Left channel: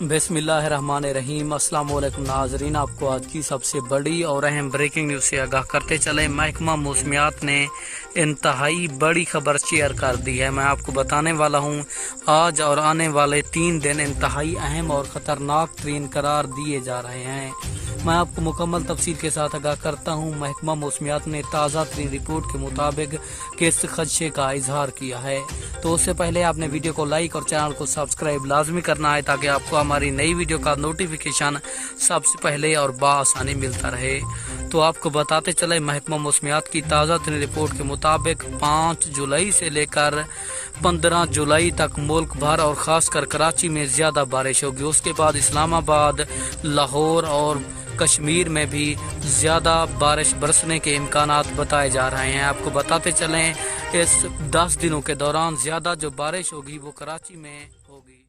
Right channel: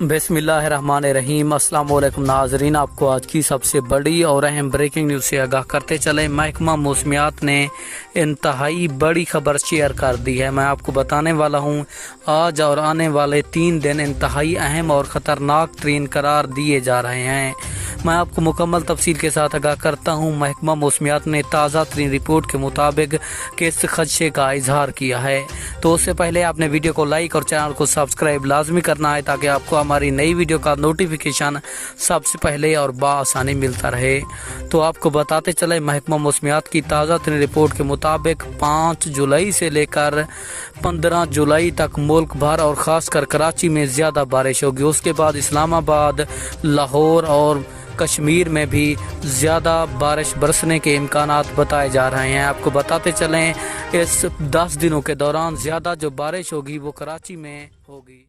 बिस्मिल्लाहिर्रहमानिर्रहीम। अस्सलाम वालेकुम नाजरीन, आपको आज की सबसे बड़ी और अहम ब्रेकिंग न्यूज़ से आगाह करते चले। महकमा मौसमियात ने इंतहाई बड़ी खबर शेयर कर दी है। मैं आपको बताने वाला हूँ आज और आने वाले 3 दिन इंतहाई अहम और ख़तरनाक तरीन करार दिए जा रहे हैं। मैं आपको मुकम्मल तफसील के साथ आगाह करता हूँ। महकमा मौसमियात ने ताज़ा तरीन रिपोर्ट के मुताबिक किस खदशे का इजहार किया है। तो उससे पहले आपने वीडियो को लाइक और चैनल को सब्सक्राइब लाजमी करना है ताकि आपको हमारी नई वीडियो का नोटिफिकेशन सबसे पहले और बाआसानी मिलता रहे। तो आपको बताते चले, महकमा मौसमियात की ताज़ा तरीन रिपोर्ट के मुताबिक 5 जुलाई से लेकर 15 जुलाई तक मुल्क भर और ख़ासकर कराची में ज़्यादा बारिश होगी। उसके बाद इस्लामाबाद, लाहौर और कश्मीर में भी ज़्यादा बारिश बरसने के इम्कानात बताए जा रहे हैं। आपको बताते चलें, इस 10 दिनों के दौरान ज़्यादा जो बारिश होगी वो कराची में होगी।